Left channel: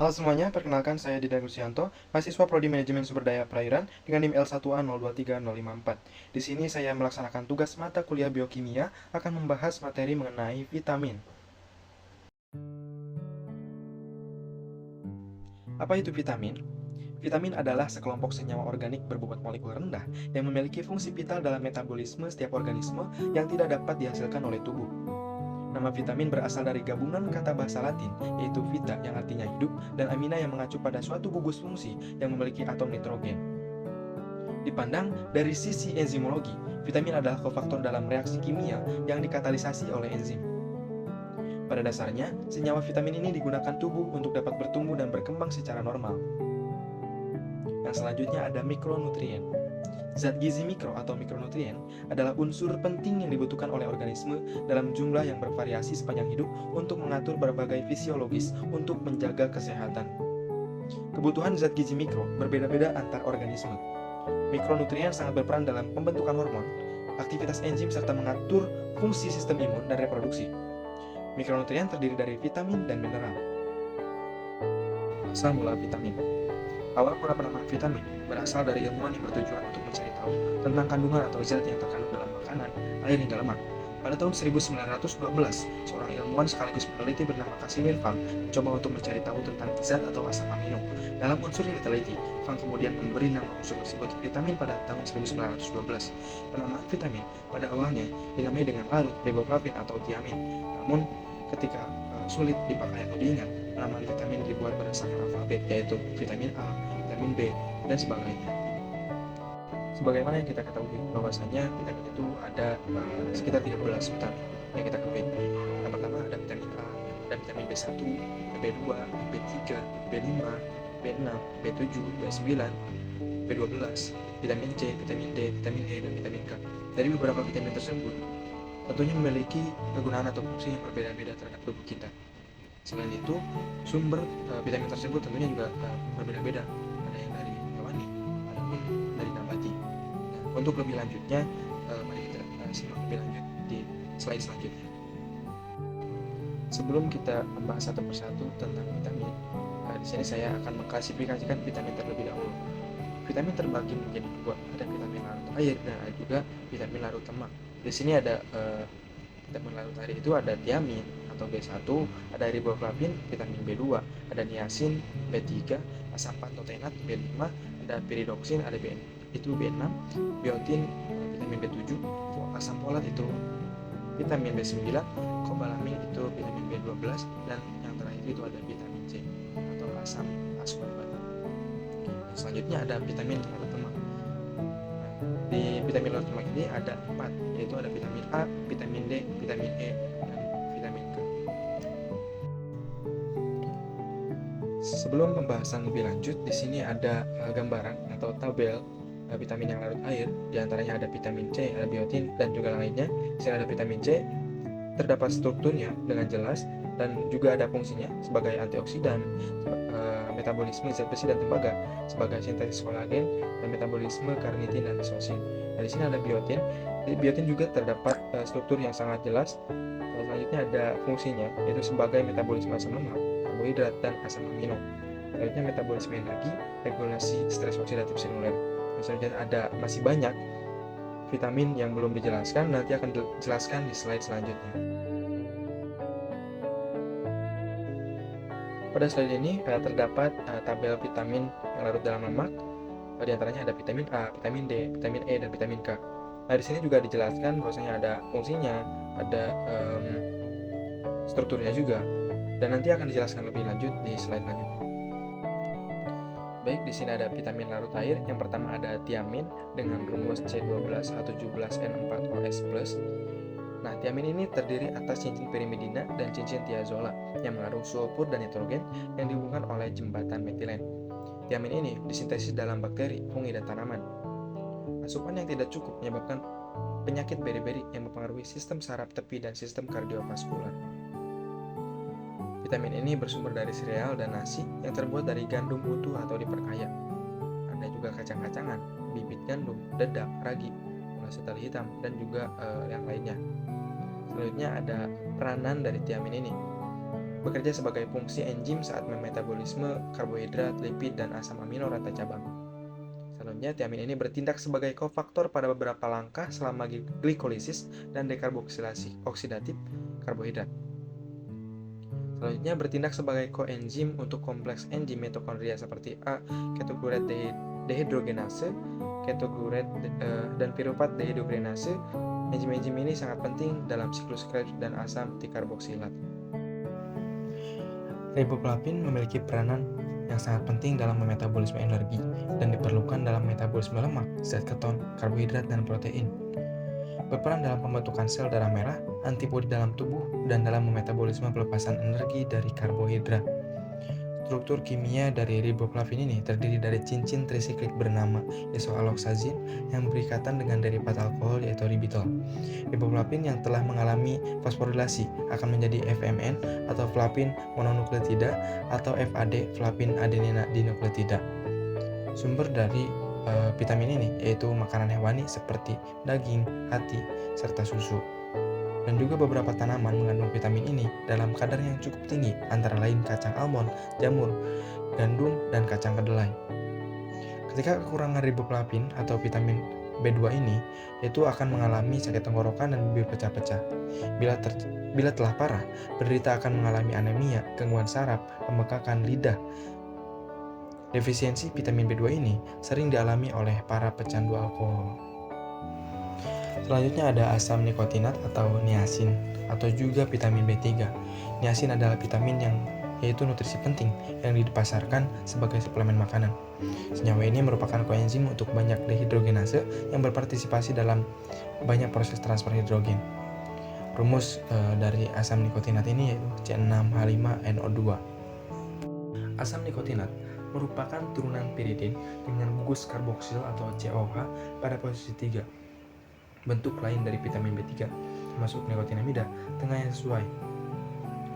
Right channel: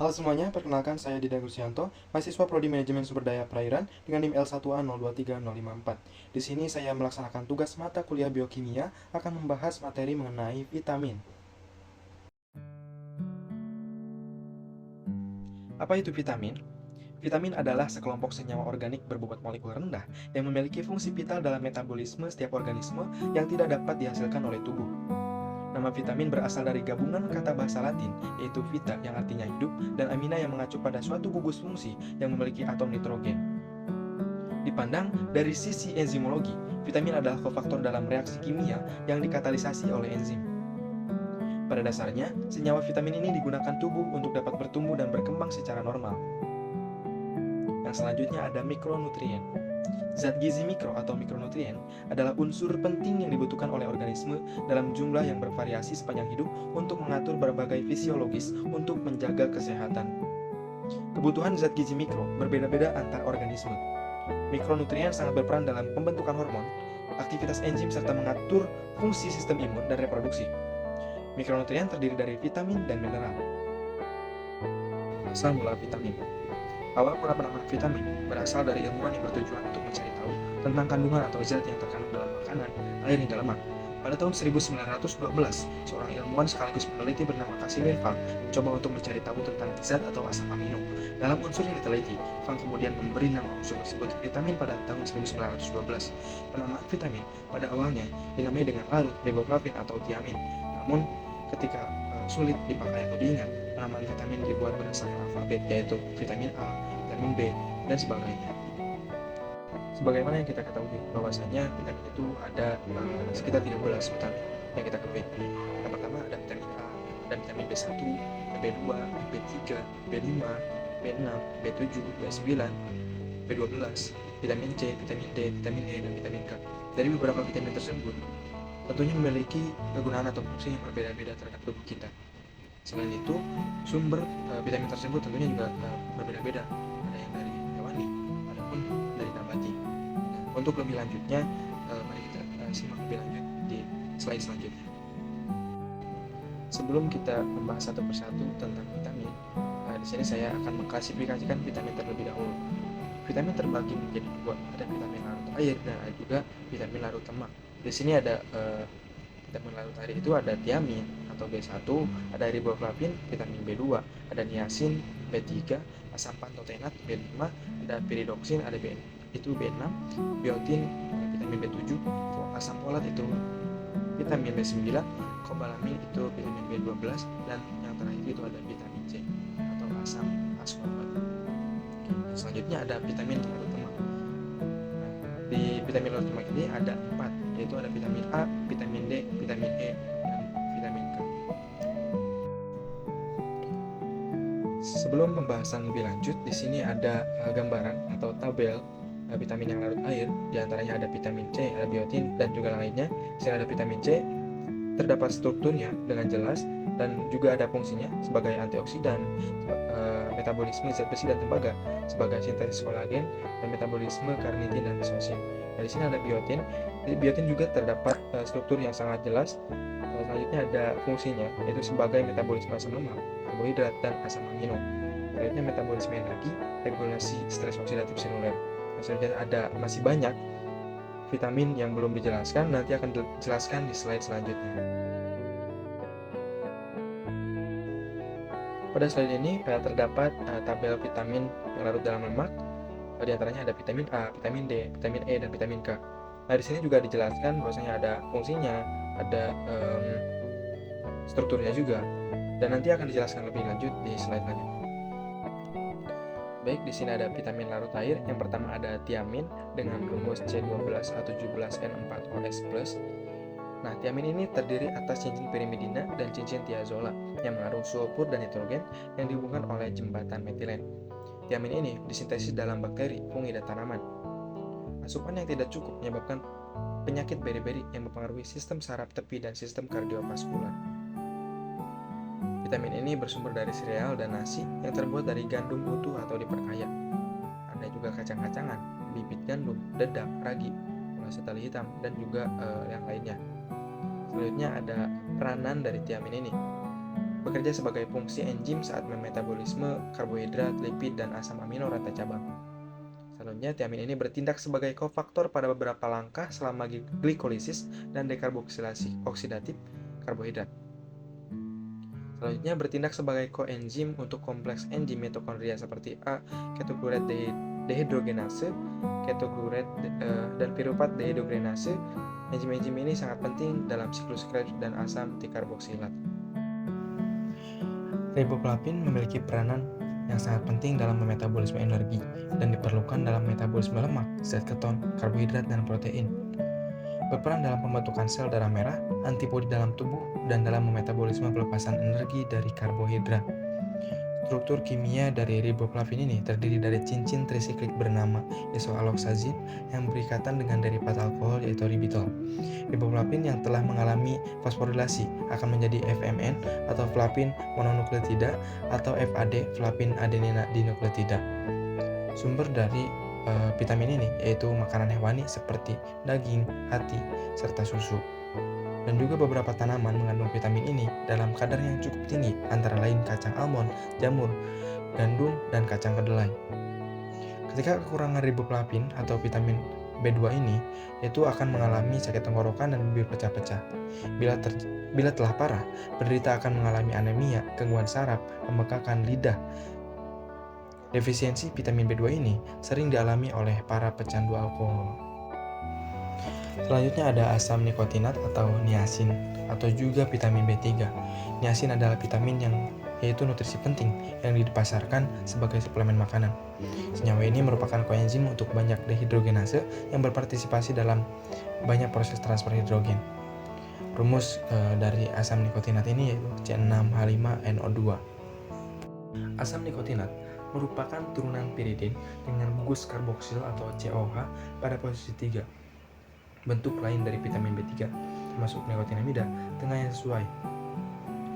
Halo semuanya, perkenalkan saya Dida Gusianto, mahasiswa Prodi Manajemen Sumber Daya Perairan dengan NIM L1A023054. Di sini saya melaksanakan tugas mata kuliah biokimia akan membahas materi mengenai vitamin. Apa itu vitamin? Vitamin adalah sekelompok senyawa organik berbobot molekul rendah yang memiliki fungsi vital dalam metabolisme setiap organisme yang tidak dapat dihasilkan oleh tubuh. Nama vitamin berasal dari gabungan kata bahasa Latin, yaitu vita yang artinya hidup, dan amina yang mengacu pada suatu gugus fungsi yang memiliki atom nitrogen. Dipandang dari sisi enzimologi, vitamin adalah kofaktor dalam reaksi kimia yang dikatalisasi oleh enzim. Pada dasarnya, senyawa vitamin ini digunakan tubuh untuk dapat bertumbuh dan berkembang secara normal. Yang selanjutnya ada mikronutrien. Zat gizi mikro atau mikronutrien adalah unsur penting yang dibutuhkan oleh organisme dalam jumlah yang bervariasi sepanjang hidup untuk mengatur berbagai fisiologis untuk menjaga kesehatan. Kebutuhan zat gizi mikro berbeda-beda antar organisme. Mikronutrien sangat berperan dalam pembentukan hormon, aktivitas enzim serta mengatur fungsi sistem imun dan reproduksi. Mikronutrien terdiri dari vitamin dan mineral. Asal mula vitamin. Awal mula penamaan vitamin berasal dari ilmuwan yang bertujuan untuk mencari tahu tentang kandungan atau zat yang terkandung dalam makanan, air hingga lemak. Pada tahun 1912, seorang ilmuwan sekaligus peneliti bernama Casimir Fang mencoba untuk mencari tahu tentang zat atau asam amino dalam unsur yang diteliti. Fang kemudian memberi nama unsur tersebut vitamin pada tahun 1912. Penamaan vitamin pada awalnya dinamai dengan larut riboflavin atau tiamin. Namun, ketika sulit dipakai atau diingat, penamaan vitamin dibuat berdasarkan alfabet, yaitu vitamin A, vitamin B, dan sebagainya. Sebagaimana yang kita ketahui bahwasanya vitamin itu ada sekitar 13 vitamin yang kita ketahui. Yang pertama ada vitamin A, dan vitamin B1, B2, B3, B5, B6, B7, B9, B12, vitamin C, vitamin D, vitamin E, dan vitamin K. Dari beberapa vitamin tersebut, tentunya memiliki kegunaan atau fungsi yang berbeda-beda terhadap tubuh kita. Selain itu, sumber vitamin tersebut tentunya juga berbeda-beda. Ada yang dari hewani, ada pun dari nabati. Nah, untuk lebih lanjutnya, mari kita simak lebih lanjut di slide selanjutnya. Sebelum kita membahas satu persatu tentang vitamin, di sini saya akan mengklasifikasikan vitamin terlebih dahulu. Vitamin terbagi menjadi dua, ada vitamin larut air dan ada juga vitamin larut lemak. Di sini ada vitamin larut air itu ada tiamin atau B1, ada riboflavin, vitamin B2, ada niacin, B3, asam pantotenat, B5, ada piridoksin, ada itu B6, biotin, vitamin B7, asam folat itu vitamin B9, kobalamin itu vitamin B12, dan yang terakhir itu ada vitamin C atau asam ascorbat. Selanjutnya ada vitamin larut lemak. Di vitamin larut lemak ini ada 4, yaitu ada vitamin A, vitamin D, vitamin E, dan vitamin K. Sebelum pembahasan lebih lanjut, di sini ada gambaran atau tabel vitamin yang larut air. Di antaranya ada vitamin C, ada biotin, dan juga lainnya. Di sini ada vitamin C, terdapat strukturnya dengan jelas dan juga ada fungsinya sebagai antioksidan, metabolisme zat besi dan tembaga, sebagai sintesis kolagen, dan metabolisme karnitin dan mesosin. Nah, di sini ada biotin. Di biotin juga terdapat struktur yang sangat jelas. Selanjutnya ada fungsinya, yaitu sebagai metabolisme asam lemak, karbohidrat, dan asam amino. Selanjutnya metabolisme energi, regulasi stres oksidatif seluler. Selanjutnya ada masih banyak vitamin yang belum dijelaskan, nanti akan dijelaskan di slide selanjutnya. Pada slide ini terdapat tabel vitamin yang larut dalam lemak. Di antaranya ada vitamin A, vitamin D, vitamin E, dan vitamin K. Nah, di sini juga dijelaskan bahwasanya ada fungsinya, ada strukturnya juga, dan nanti akan dijelaskan lebih lanjut di slide selanjutnya. Baik, di sini ada vitamin larut air. Yang pertama ada tiamin dengan rumus C12H17N4OS+. Nah, tiamin ini terdiri atas cincin pirimidina dan cincin tiazola yang mengandung sulfur dan nitrogen yang dihubungkan oleh jembatan metilen. Tiamin ini disintesis dalam bakteri, fungi, dan tanaman. Asupan yang tidak cukup menyebabkan penyakit beri-beri yang mempengaruhi sistem saraf tepi dan sistem kardiovaskular. Vitamin ini bersumber dari sereal dan nasi yang terbuat dari gandum utuh atau diperkaya. Ada juga kacang-kacangan, bibit gandum, dedak, ragi, gula setali hitam, dan juga yang lainnya. Selanjutnya ada peranan dari tiamin ini. bekerja sebagai fungsi enzim saat memetabolisme karbohidrat, lipid, dan asam amino rantai cabang. Selanjutnya, tiamin ini bertindak sebagai kofaktor pada beberapa langkah selama glikolisis dan dekarboksilasi oksidatif karbohidrat. Selanjutnya, bertindak sebagai koenzim untuk kompleks enzim mitokondria seperti ketoglurat dehidrogenase, ketoglurat dan piruvat dehidrogenase. Enzim-enzim ini sangat penting dalam siklus Krebs dan asam tikarboksilat. Riboflavin memiliki peranan yang sangat penting dalam metabolisme energi dan diperlukan dalam metabolisme lemak, zat keton, karbohidrat, dan protein. Berperan dalam pembentukan sel darah merah, antibodi dalam tubuh, dan dalam metabolisme pelepasan energi dari karbohidrat. Struktur kimia dari riboflavin ini terdiri dari cincin trisiklik bernama isoalloxazin yang berikatan dengan derivat alkohol yaitu ribitol. Riboflavin yang telah mengalami fosforilasi akan menjadi FMN atau flavin mononukleotida atau FAD flavin adenina dinukleotida. Sumber dari vitamin ini yaitu makanan hewani seperti daging, hati, serta susu. Dan juga beberapa tanaman mengandung vitamin ini dalam kadar yang cukup tinggi, antara lain kacang almond, jamur, gandum, dan kacang kedelai. Ketika kekurangan riboflavin atau vitamin B2 ini, itu akan mengalami sakit tenggorokan dan bibir pecah-pecah. Bila telah parah, penderita akan mengalami anemia, gangguan saraf, pembekakan lidah. Defisiensi vitamin B2 ini sering dialami oleh para pecandu alkohol. Selanjutnya ada asam nikotinat atau niacin atau juga vitamin B3. Niacin adalah vitamin yang yaitu nutrisi penting yang dipasarkan sebagai suplemen makanan. Senyawa ini merupakan koenzim untuk banyak dehidrogenase yang berpartisipasi dalam banyak proses transfer hidrogen. Rumus dari asam nikotinat ini yaitu C6H5NO2. Asam nikotinat merupakan turunan piridin dengan gugus karboksil atau COH pada posisi 3. Bentuk lain dari vitamin B3 termasuk nikotinamida tengah yang sesuai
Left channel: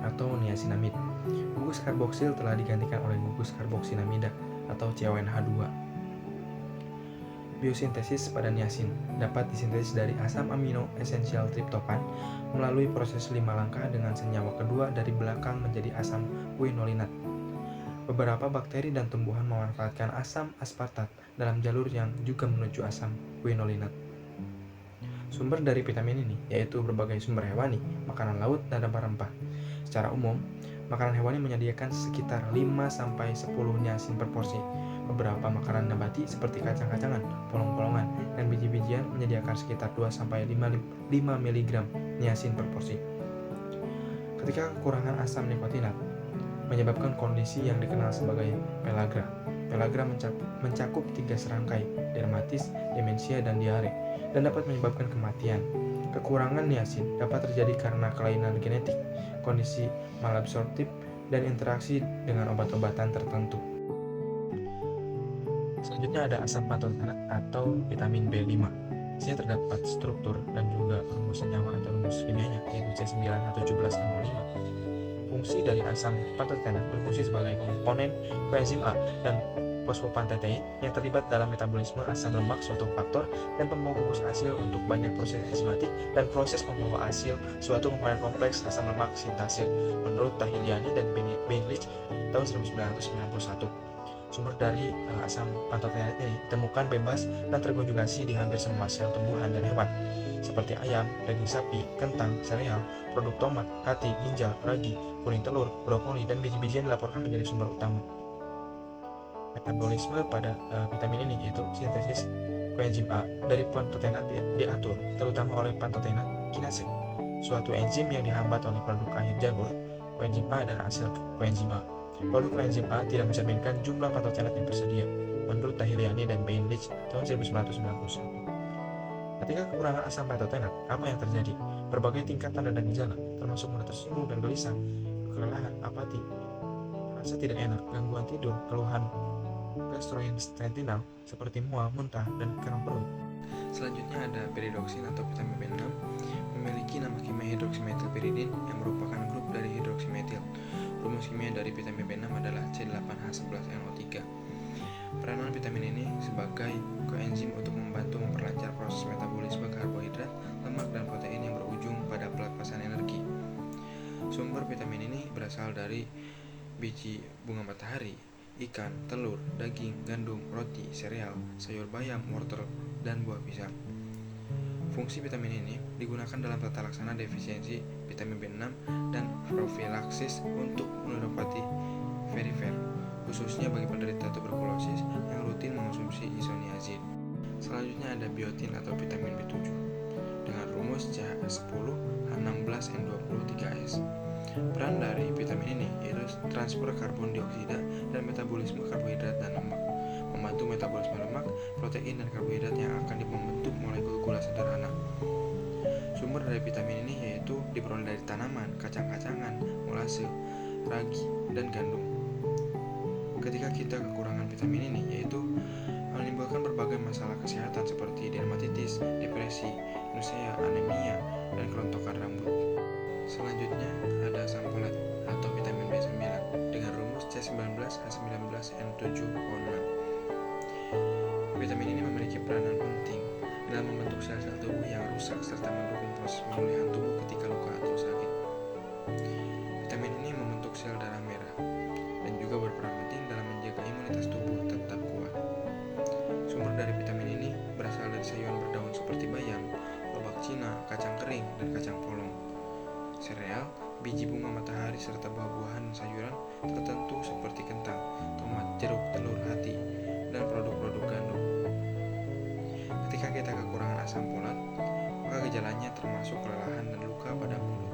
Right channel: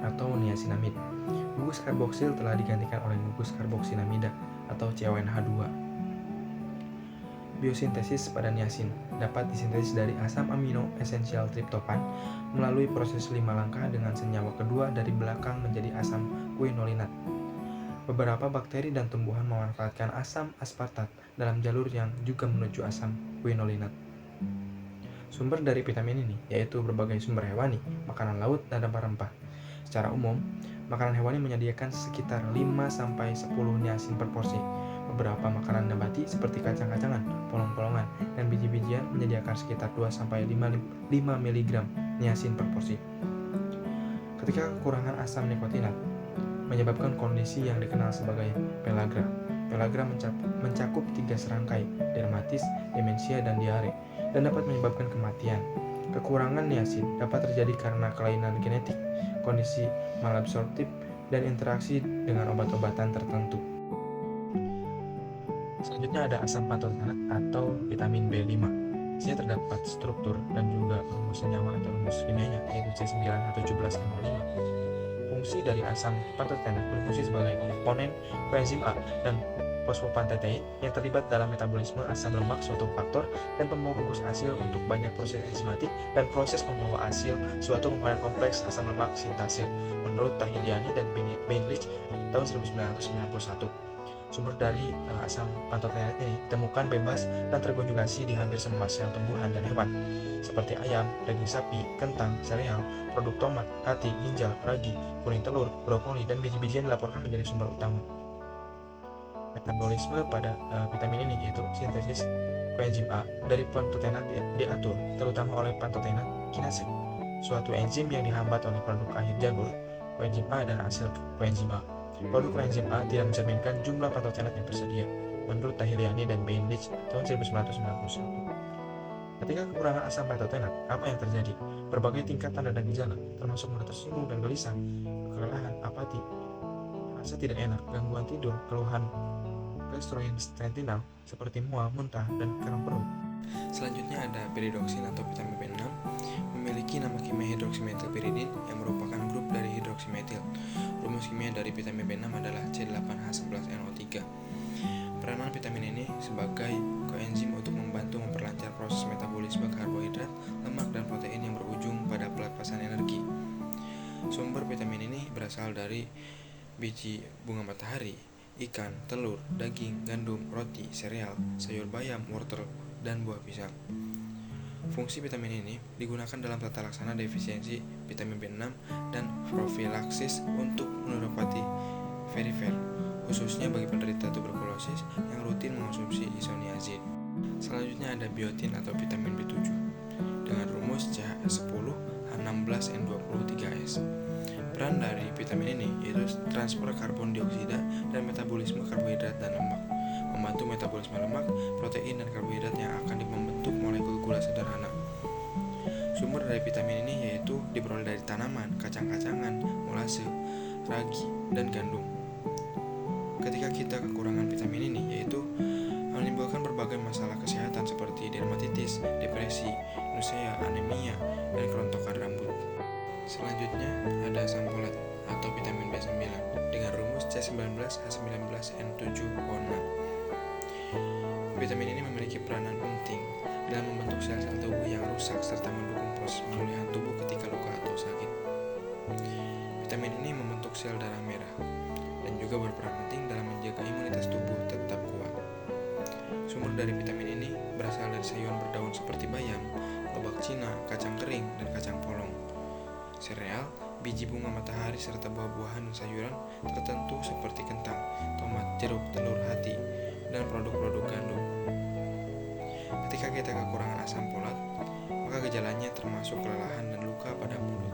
atau niacinamide. Gugus karboksil telah digantikan oleh gugus karboksinamida atau CONH2. Biosintesis pada niacin dapat disintesis dari asam amino esensial triptofan melalui proses 5 langkah dengan senyawa kedua dari belakang menjadi asam quinolinat. Beberapa bakteri dan tumbuhan memanfaatkan asam aspartat dalam jalur yang juga menuju asam quinolinat. Sumber dari vitamin ini yaitu berbagai sumber hewani, makanan laut, dan rempah-rempah. Secara umum, makanan hewani menyediakan sekitar 5-10 niacin per porsi. Beberapa makanan nabati seperti kacang-kacangan, polong-polongan, dan biji-bijian menyediakan sekitar 2-5 mg niacin per porsi. Ketika kekurangan asam nikotinat menyebabkan kondisi yang dikenal sebagai pellagra. Pellagra mencakup 3 serangkai, dermatis, demensia, dan diare, dan dapat menyebabkan kematian. Kekurangan niacin dapat terjadi karena kelainan genetik, kondisi malabsorptif, dan interaksi dengan obat-obatan tertentu. Selanjutnya ada asam pantotenat atau vitamin B5. Di sini terdapat struktur dan juga rumus senyawa atau rumus kimianya yaitu C9H17NO5. Fungsi dari asam pantotenat berfungsi sebagai komponen koenzim A dan fosfopantetein yang terlibat dalam metabolisme asam lemak suatu faktor dan pembawa gugus asil untuk banyak proses enzimatik dan proses pembawa asil suatu komponen kompleks asam lemak sintase menurut Tahiliani dan Beinlich tahun 1991. Sumber dari asam pantotenat ini ditemukan bebas dan terkonjugasi di hampir semua sel tumbuhan dan hewan seperti ayam, daging sapi, kentang, sereal, produk tomat, hati, ginjal, ragi, kuning telur, brokoli, dan biji-bijian dilaporkan menjadi sumber utama. Metabolisme pada vitamin ini yaitu sintesis koenzim A dari pantotenat diatur terutama oleh pantotenat kinase, suatu enzim yang dihambat oleh produk akhir jalur koenzim A dan hasil koenzim A. Produk koenzim A tidak mencerminkan jumlah pantotenat yang tersedia menurut Tahiliani dan Beinlich tahun 1991. Ketika kekurangan asam pantotenat, apa yang terjadi? Berbagai tingkat tanda dan gejala, termasuk mudah tersinggung dan gelisah, kelelahan, apati, rasa tidak enak, gangguan tidur, keluhan gastrointestinal seperti mual, muntah, dan kram perut. Selanjutnya ada piridoksin atau vitamin B6, memiliki nama kimia hidroksimetilpiridin yang merupakan grup dari hidroksimetil. Rumus kimia dari vitamin B6 adalah C8H11NO3. Peranan vitamin ini sebagai koenzim untuk membantu memperlancar proses metabolisme karbohidrat, lemak, dan protein yang berujung pada pelepasan energi. Sumber vitamin ini berasal dari biji bunga matahari, ikan, telur, daging, gandum, roti, sereal, sayur bayam, wortel, dan buah pisang. Fungsi vitamin ini digunakan dalam tata laksana defisiensi vitamin B6 dan profilaksis untuk neuropati perifer, khususnya bagi penderita tuberkulosis yang rutin mengonsumsi isoniazid. Selanjutnya ada biotin atau vitamin B7 dengan rumus CH10H16N23S. Peran dari vitamin ini yaitu transfer karbon dioksida dan metabolisme karbohidrat dan lemak, membantu metabolisme lemak, protein, dan karbohidrat yang akan membentuk molekul gula sederhana. Sumber dari vitamin ini yaitu diperoleh dari tanaman, kacang-kacangan, molase, ragi, dan gandum. Ketika kita kekurangan vitamin ini yaitu menimbulkan berbagai masalah kesehatan seperti dermatitis, depresi, nausea, anemia, dan kerontokan rambut. Selanjutnya ada asam folat atau vitamin B9 dengan rumus C19H19N7O6. Vitamin ini memiliki peranan penting dalam membentuk sel-sel tubuh yang rusak serta mendukung proses pemulihan tubuh ketika luka atau sakit. Vitamin ini membentuk sel darah merah dan juga berperan penting dalam menjaga imunitas tubuh tetap kuat. Sumber dari vitamin ini berasal dari sayuran berdaun seperti bayam, lobak Cina, kacang kering, dan kacang polong, sereal, biji bunga matahari, serta buah-buahan dan sayuran tertentu seperti kentang, tomat, jeruk, telur, hati, dan produk-produk gandum. Ketika kita kekurangan asam folat, maka gejalanya termasuk kelelahan dan luka pada mulut.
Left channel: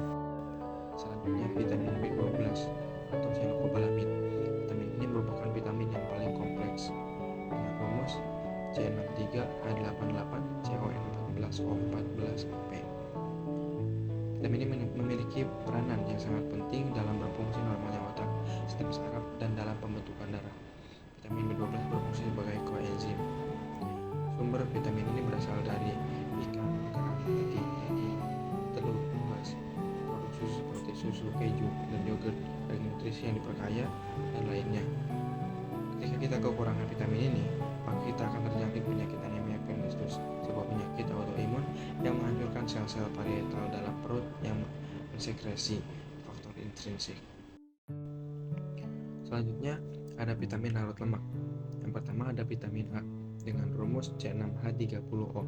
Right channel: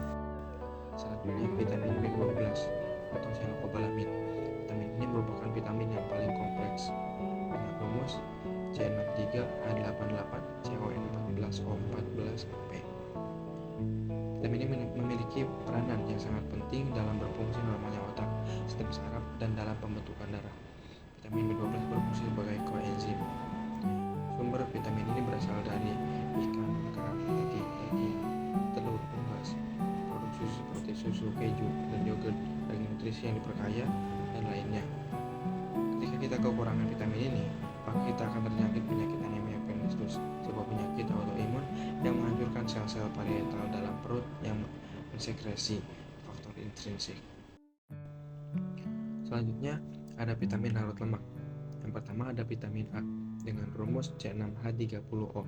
Selanjutnya vitamin B12 atau cyanocobalamin. Vitamin ini merupakan vitamin yang paling kompleks dengan rumus C63H88CON14O14P. Vitamin ini memiliki peranan yang sangat penting dalam berfungsi normalnya otak, sistem saraf, dan dalam pembentukan darah. Vitamin B12 berfungsi sebagai koenzim. Sumber vitamin ini berasal dari ikan, kerang, daging, telur, unggas, produk susu seperti susu, keju, dan yogurt, daging nutrisi yang diperkaya, dan lainnya. Ketika kita kekurangan vitamin ini, maka kita akan terjangkit penyakit anemia pernicious, sebuah penyakit autoimun yang menghancurkan sel-sel parietal dalam perut yang mensekresi faktor intrinsik. Selanjutnya ada vitamin larut lemak. Yang pertama ada vitamin A dengan rumus C6H30O.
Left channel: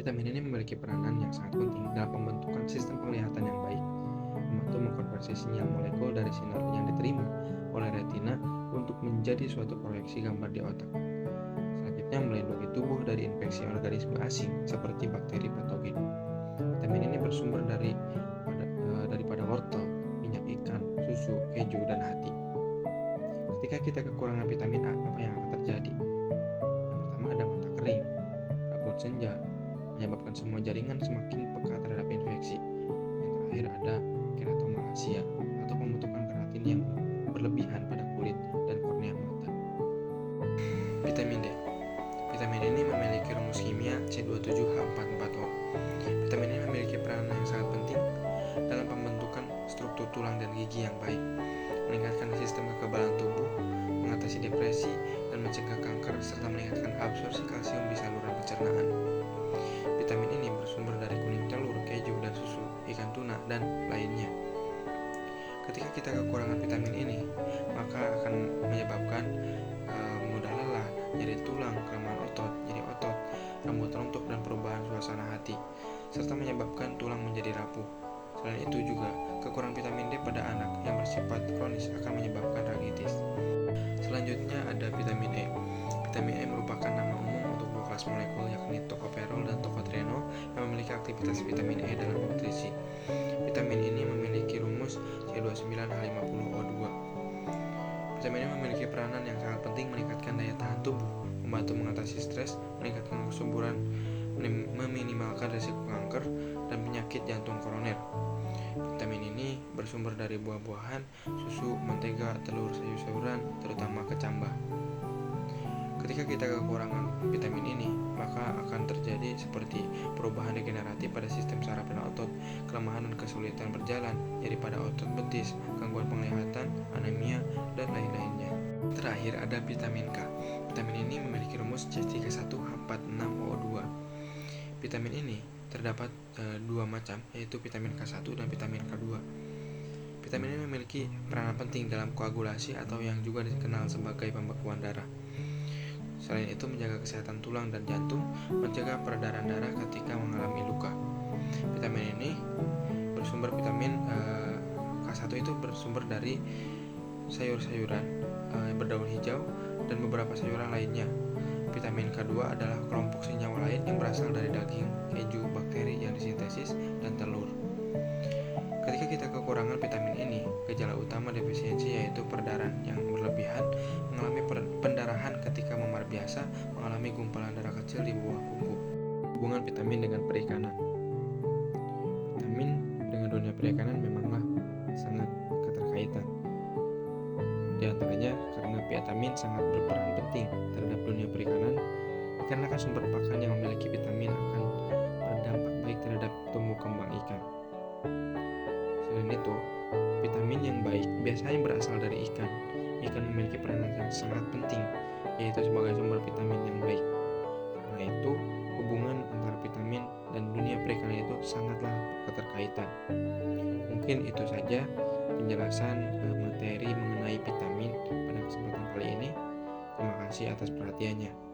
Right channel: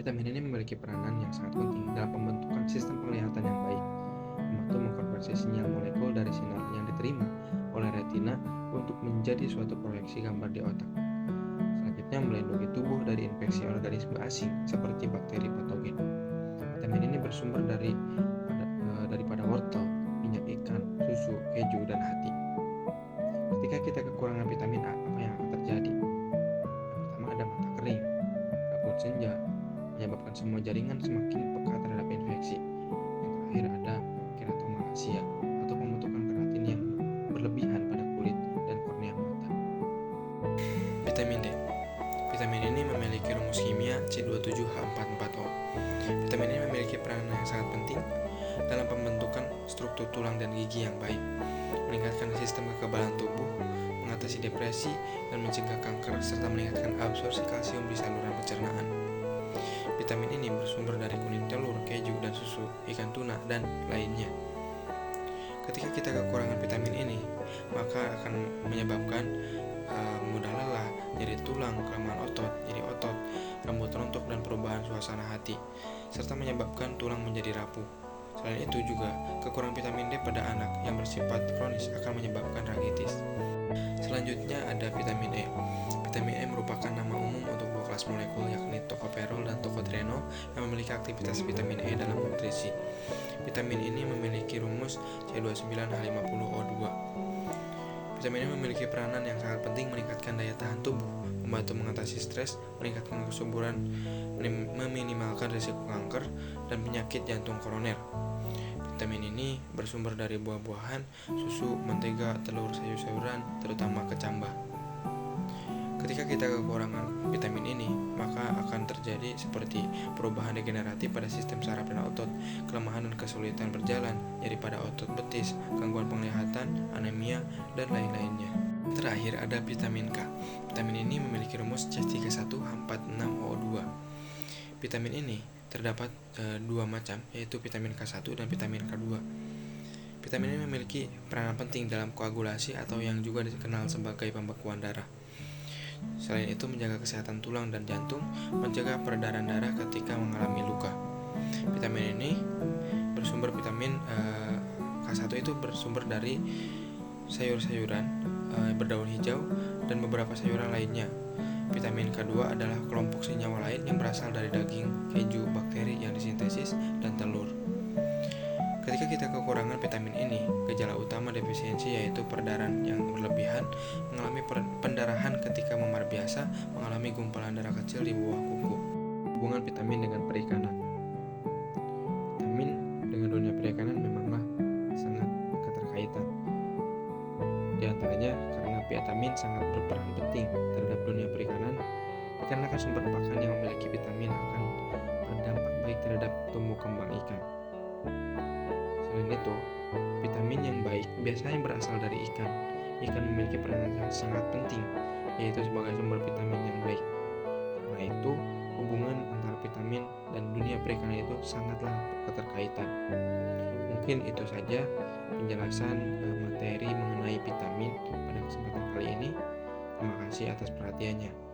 Vitamin ini memiliki peranan yang sangat penting dalam pembentukan sistem penglihatan yang baik, membantu mengkonversi sinyal molekul dari sinar yang diterima oleh retina untuk menjadi suatu proyeksi gambar di otak. Selanjutnya melindungi tubuh dari infeksi organisme asing seperti bakteri patogen. Vitamin ini bersumber daripada wortel, minyak ikan, susu, keju, dan hati. Ketika kita kekurangan vitamin A, apa yang akan terjadi? Yang pertama ada mata kering, rambut senja, menyebabkan semua jaringan semakin peka terhadap infeksi. Yang terakhir ada keratomalacia atau pembentukan keratin yang berlebihan pada kulit dan kornea mata. Vitamin D. Vitamin ini memiliki rumus kimia C27H44O. Vitamin ini memiliki peranan yang sangat penting dalam pembentukan struktur tulang dan gigi yang baik, meningkatkan sistem kekebalan tubuh, mengatasi depresi, dan mencegah kanker, serta meningkatkan absorpsi kalsium di saluran pencernaan. Vitamin ini bersumber dari kuning telur, keju, dan susu, ikan tuna, dan lainnya. Ketika kita kekurangan vitamin ini, maka akan menyebabkan mudah lelah, nyeri tulang, kelemahan otot, nyeri otot, rambut rontok, dan perubahan suasana hati, serta menyebabkan tulang menjadi rapuh. Selain itu juga, kekurangan vitamin D pada anak yang bersifat kronis akan menyebabkan rakitis. Selanjutnya ada vitamin E. Vitamin E merupakan nama umum untuk dua kelas molekul yakni tokoferol dan tokotrienol yang memiliki aktivitas vitamin E dalam nutrisi. Vitamin ini memiliki rumus C29H50O2. Vitamin E memiliki peranan yang sangat penting meningkatkan daya tahan tubuh, membantu mengatasi stres, meningkatkan kesuburan, meminimalkan risiko kanker dan penyakit jantung koroner. Vitamin ini bersumber dari buah-buahan, susu, mentega, telur, sayur-sayuran, terutama kecambah. Ketika kita kekurangan vitamin ini, maka akan terjadi seperti perubahan degeneratif pada sistem saraf dan otot, kelemahan dan kesulitan berjalan, nyeri pada otot betis, gangguan penglihatan, anemia, dan lain-lainnya. Terakhir ada vitamin K. Vitamin ini memiliki rumus C31H46O2. Vitamin ini terdapat dua macam, yaitu vitamin K1 dan vitamin K2. Vitamin ini memiliki peranan penting dalam koagulasi atau yang juga dikenal sebagai pembekuan darah. Selain itu, menjaga kesehatan tulang dan jantung, menjaga peredaran darah ketika mengalami luka. Vitamin ini K1 itu bersumber dari sayur-sayuran berdaun hijau dan beberapa sayuran lainnya. Vitamin K2 adalah kelompok senyawa lain yang berasal dari daging, keju, bakteri yang disintesis, dan telur. Ketika kita kekurangan vitamin ini, gejala utama defisiensi yaitu perdarahan yang berlebihan, mengalami pendarahan ketika memar biasa, mengalami gumpalan darah kecil di bawah kuku. Hubungan vitamin dengan perikanan. Vitamin dengan dunia perikanan memanglah sangat keterkaitan. Di antaranya karena vitamin sangat berperan penting terhadap dunia perikanan, dikarenakan sumber pakan yang memiliki vitamin akan berdampak baik terhadap tumbuh kembang ikan. Selain itu, vitamin yang baik biasanya berasal dari ikan. Ikan memiliki peranan yang sangat penting, yaitu sebagai sumber vitamin yang baik. Karena itu, hubungan antara vitamin dan dunia perikanan itu sangatlah keterkaitan. Mungkin itu saja penjelasan materi mengenai vitamin pada kesempatan kali ini. Terima kasih atas perhatiannya.